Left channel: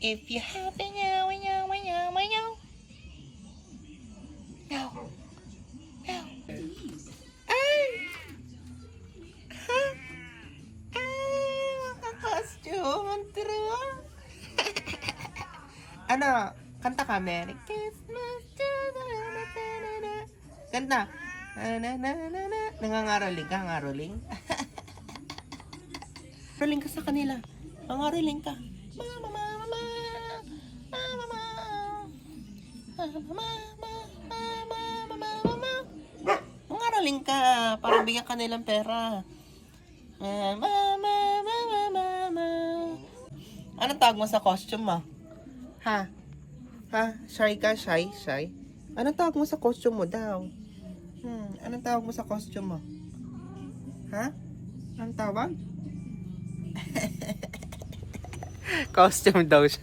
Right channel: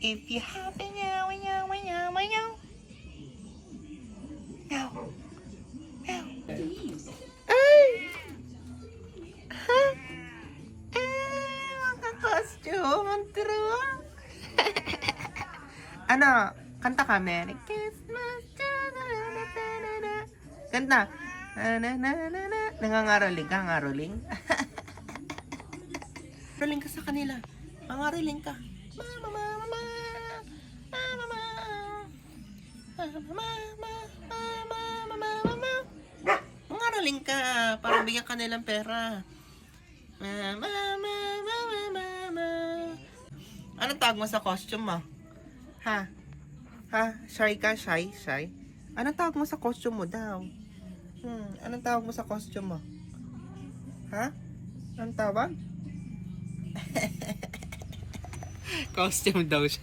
If you have a meow, meow, meow, meow. Meow. Meow. Ay! Ha? Maka-costume. Ang turuan. Ano? Kanta ka, Merry Christmas. Kanta. Nangangaroling ka, ngaroling? Ngaroling ka sa kanila. Nangaroling ka. Mama, mama, mama. Mama, mama. Mama, mama. Mama, mama, mama. Nangaroling ka. Para bigyan ka nilang pera. Mama, mama, mama, mama. Anong tawag mo sa costume mo? Ha? Ha? Shy ka? Shy? Shy? Anong tawag mo sa costume mo daw? Anong tawag mo sa costume mo? Ha? Anong tawag? Costume daw siya.